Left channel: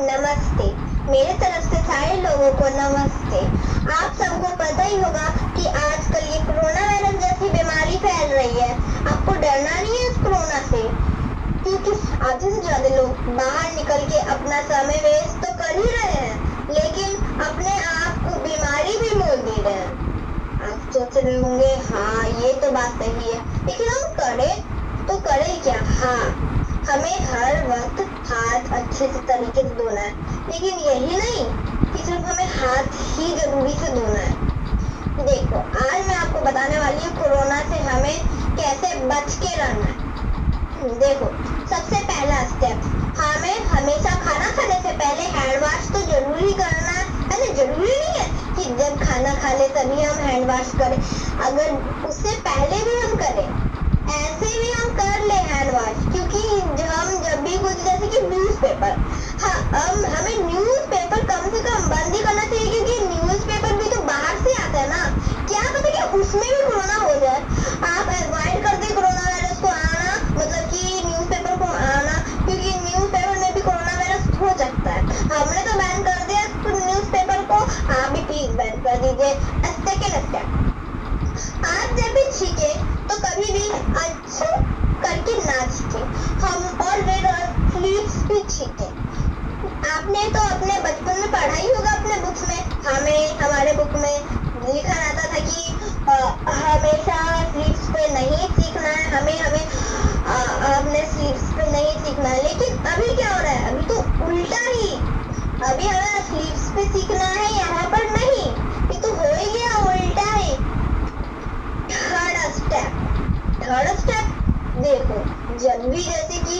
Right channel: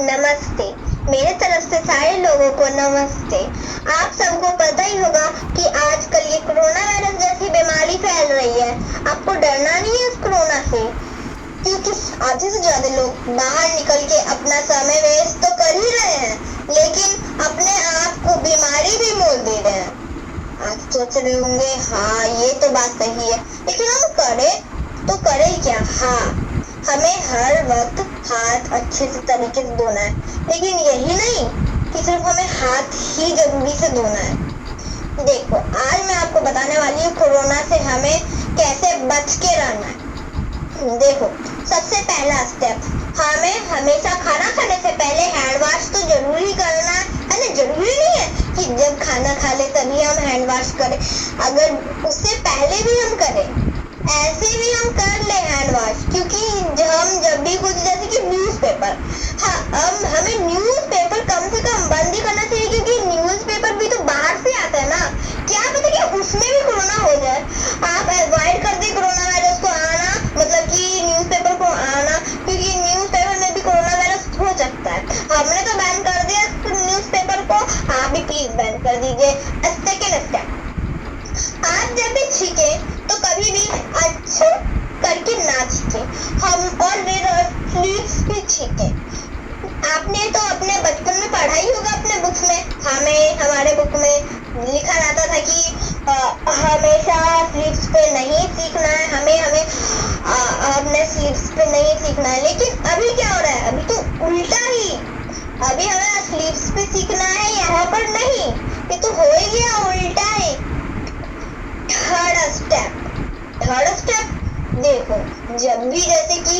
नमस्ते। मेरे तरफ से सारे लोगों को नमस्ते। आप सबको पता ही होगा कि आजकल ये कोरोना वायरस जैसी बीमारी फैल रही है। आपको डरना नहीं है इस कोरोना से, क्योंकि आधे से ज्यादा लोग बाहर निकल के अपना समय वेस्ट तो कर ही रहे हैं, लेकिन अपने आप को बीमारी भी मोल दे रहे हैं। आप सोच रहे होंगे, हाँ ये तो बात सही है, लेकिन हम करें क्या? हाँ, हमें हर वक्त हाथ अच्छे से तरीके से धोना है, लेकिन यही नहीं कि सिर्फ हमें हाथ ही जरूरी से धोना है। देखो, आज मैं आपको बताने वाली हूँ कोरोना से हमें कैसे बच के रहना है। देखो, सबसे पहला स्टेप, हमें हमेशा खाना खाने से पहले हैंड वॉश तो जरूरी करना है ना। जरूरी नहीं है कि जब खाना खा ले तभी हम हैंड वॉश करें, अगर उससे पहले भी हम करें, ऐसे भी हम कर ले हैंड वॉश, क्योंकि हम जब भी कुछ, जैसे कि न्यूज़पेपर, हाँ हमें न्यूज़पेपर कम से कम बंद ही करना चाहिए, क्योंकि न्यूज़पेपर भी तो बाहर से आता है ना। क्या पता कि उसमें भी कोरोना हो जाए। आप अवॉइड कर दें कोरोना वायरस को आना, मतलब कि न्यूज़पेपर को आना, क्योंकि न्यूज़पेपर में भी कोरोना वायरस हो सकता है। हमने तो बैन कर दिया न्यूज़पेपर को, आप भी प्लीज बैन कर दीजिए। सेकेंड स्टेप, आप जब भी छींके तो कभी भी अच्छे करके ना छींके, हम और स्लीव्स भी छींके। आपने तो अपने बचपन में पढ़ा ही होगा अपने बुक्स में, हमारे बुक में लिखा रहता था कि हमेशा स्लीव्स पे नहीं सीखना है, हमने स्लीव्स पे नहीं सीखना है। लेकिन अभी क्या हो रहा है? अभी तो उल्टा ही, अभी हमें स्लीव्स पे सीखना है, यहाँ पर नहीं। ये तो हो ही गया उल्टा ही। थर्ड स्टेप, देखो, जब भी जैसे कि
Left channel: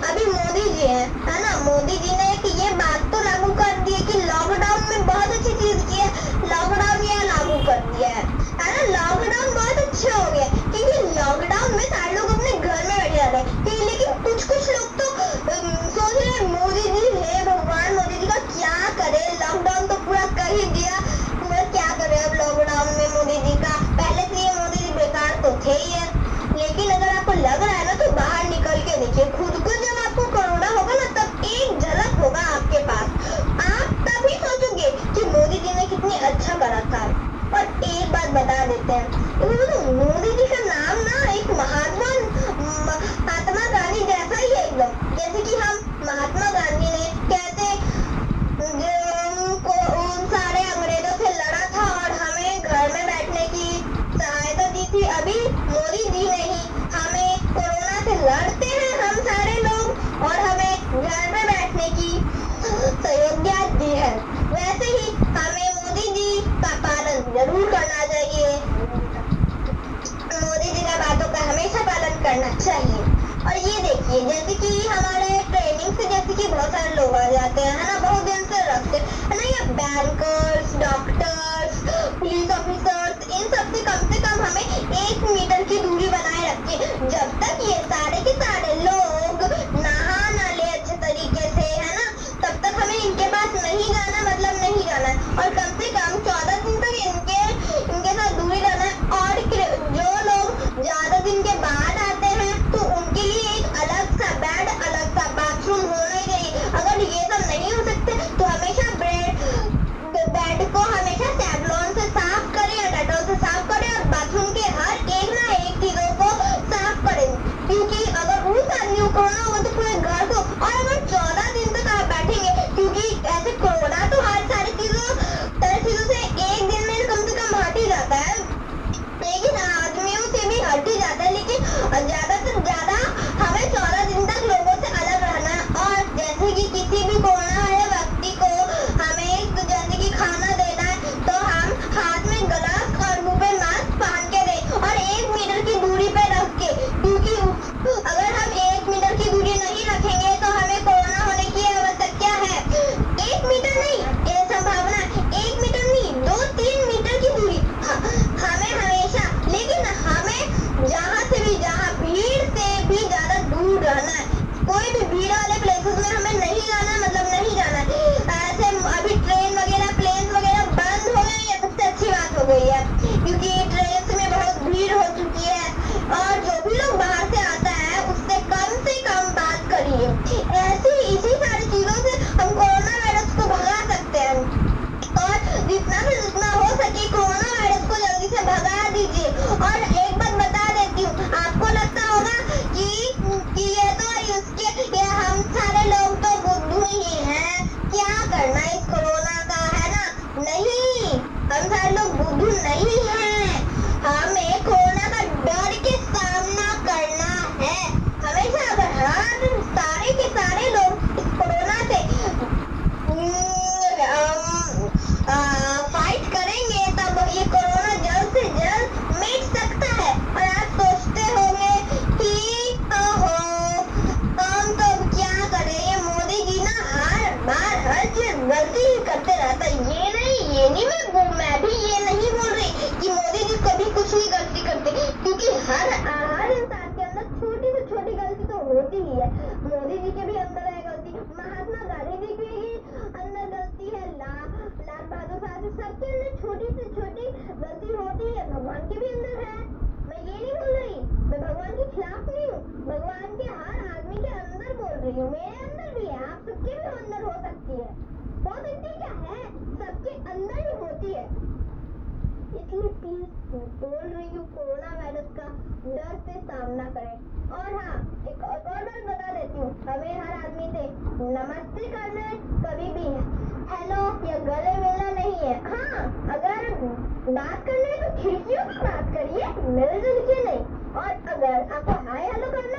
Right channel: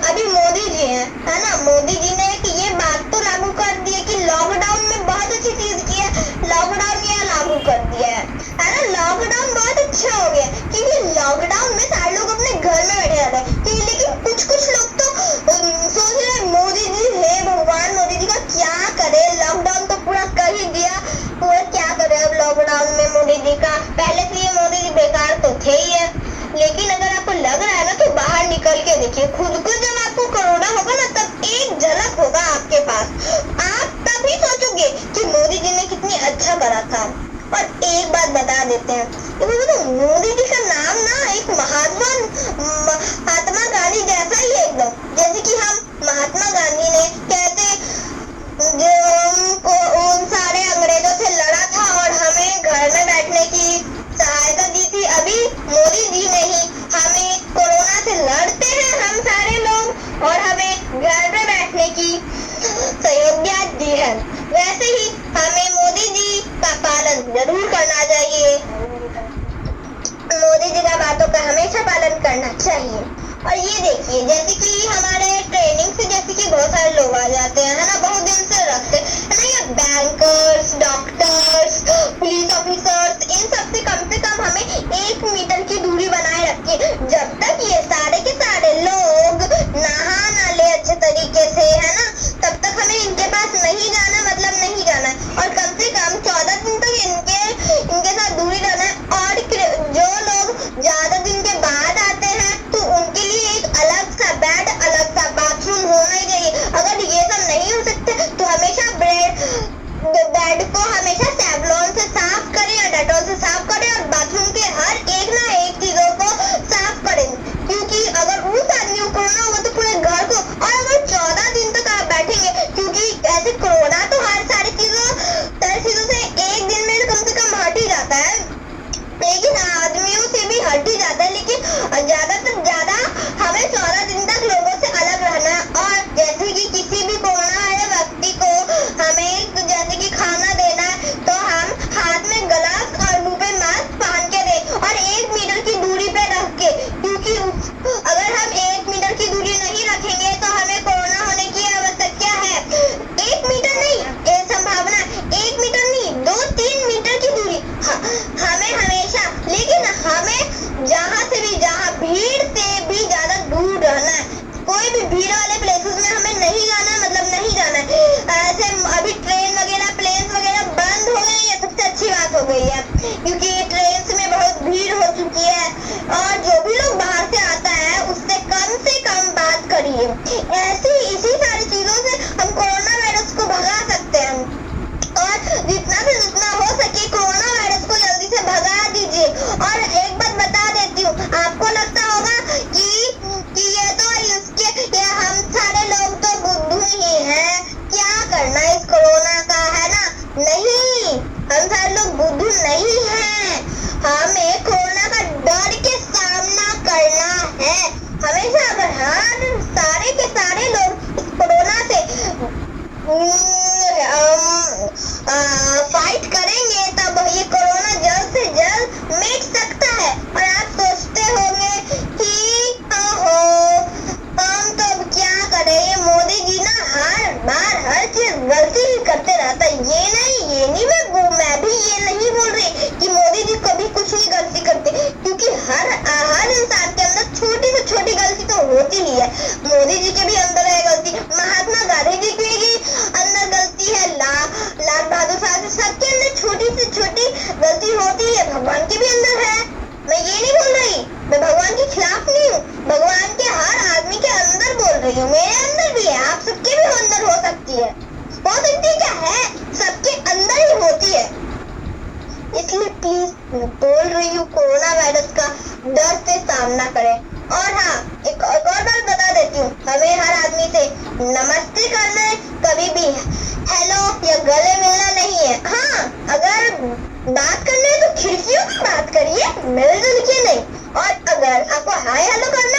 अभी मोदी जी है ना, मोदी जी ने ये बात तो लागू कर दी है कि लॉकडाउन में बहुत अच्छी चीज की है, लॉकडाउन ये लागू कर दिया है ना। लॉकडाउन बहुत अच्छा हो गया, क्योंकि लॉकडाउन में सारे लोग अपने घर में बैठे रहते हैं, लेकिन कुछ लोग तो सोच रहे मोदी जी है भगवान, मोदी जी का क्या करे, लॉकडाउन तो पूरा कर ही दिया, पूरा क्या करे अब लॉकडाउन में मोदी जी का। पहले से ये मोदी जी बेकार तो थे ही है, लेकिन अगर आपको लग रहा है ना, तो बाहर निकल के देखिए खुद को। जब आपको कोरोना होगा ना, तब एक झलक होगा आपके पास, आप तभी सोचोगे कि मोदी जी ने कितनी अच्छा करा था। और एक बात बता देते हैं, तो मोदी जी का नाम ना एक महात्मा गांधी जैसा ही है एकदम। जैसे कि हम महात्मा गांधी ने कहते जो उन सारे अंग्रेजों से लड़ा था और हमें घर में बैठने की सहायता दी थी, अभी मोदी जी ने ही हमें कोरोना से लड़ते हैं हम सारे लोग, और हमें घर में बैठने की सहूलियत दी है। वैसे ही हमें मोदी जी का पालन जरूर करना चाहिए, मोदी जी का बातों का हमेशा पालन करना चाहिए। और ये देखिए, जैसे कि हमारे ट्रेनिंग से जैसे कि बहुत सारे लोग आ जाते हैं, है ना, बहुत दिन से रखते हैं ना, ये बैंकर्स, डॉक्टर्स, पुलिस ऑफिसर्स, इन सब से कम हमें 1 मीटर की दूरी बनाए रखी है। जब तक ये सारे के सारे लोग नहा ना ले अच्छे तरीके से, है ना, तब तक हमें इनके पास नहीं जाना, मतलब नहीं जाना है। और कम से कम 14 दिन तक इनके साथ दूरी रहना है। और जो लोग ज्यादा दिन के बाद आते हैं, तो उनके लिए एक अलग सा बेड, अलग सा बाथरूम होना ही चाहिए। अगर ये सब नहीं हो सकते, तो हमेशा बेड को हमेशा सेवलॉन से साफ करें या डेटॉल से साफ करें, और बाथरूम के हर एक ना एक चीजों को साफ करें, क्योंकि अगर उस आदमी को कोरोना होगा तो पूरे घर को, और अगर 14 दिन तक आप बैठेंगे, क्योंकि ऐसे कोरोना तो हर सारी चीजों से एक दिन में कम से कम हट ही जाता है, लेकिन आदमियों से भी हट ही जाता है, लेकिन ज्यादा से ज्यादा हमें 14 दिन तक लोगों से अलग रहना है। और जैसे कि किसी भी कोरोना वाले व्यक्ति को हमें तो जैसे कि खाना देना है, तो हम हाथ में ग्लव्स और मुंह पे मास्क पहन के दें, और 1 मीटर की दूरी पे रख के, क्योंकि अगर हम 1 मीटर की दूरी नहीं रखेंगे तो हमें कोरोना होने की आवश्यकता है। 1 मीटर नहीं, ये संभावना है 1 मीटर नहीं, 2-3 मीटर की दूरी हमें हमेशा, लेकिन हमें जहाँ भीड़ से भी ज्यादा दूर रहना है। कोई भी भीड़ वाले प्लेसेस में हमें नहीं जाना, मतलब नहीं जाना है। ऐसे अभी ट्रेन वगैरह, प्लेन वगैरह बंद हो गई है, सबसे अच्छी बात हो गई है, क्योंकि ट्रेन में बहुत भीड़ हो चुकी है, और जो भी लोग बाहर से आता है उससे सकती है। हो सकती क्या है, सबके अंदर ही होती है। इसलिए प्लीज मैं बोल रही हूँ, कोरोना वायरस का डर से सामना करें। और हाँ, एक और बात बता देती हूँ, हमें हर आदमी से नमस्ते करना है, कभी भी हेलो या गले मिलना नहीं है। हाँ, अगर बात करना है तो खिड़कियों में बात करिए, मिलजुल के नहीं। और अगर आपको हाय हेलो करना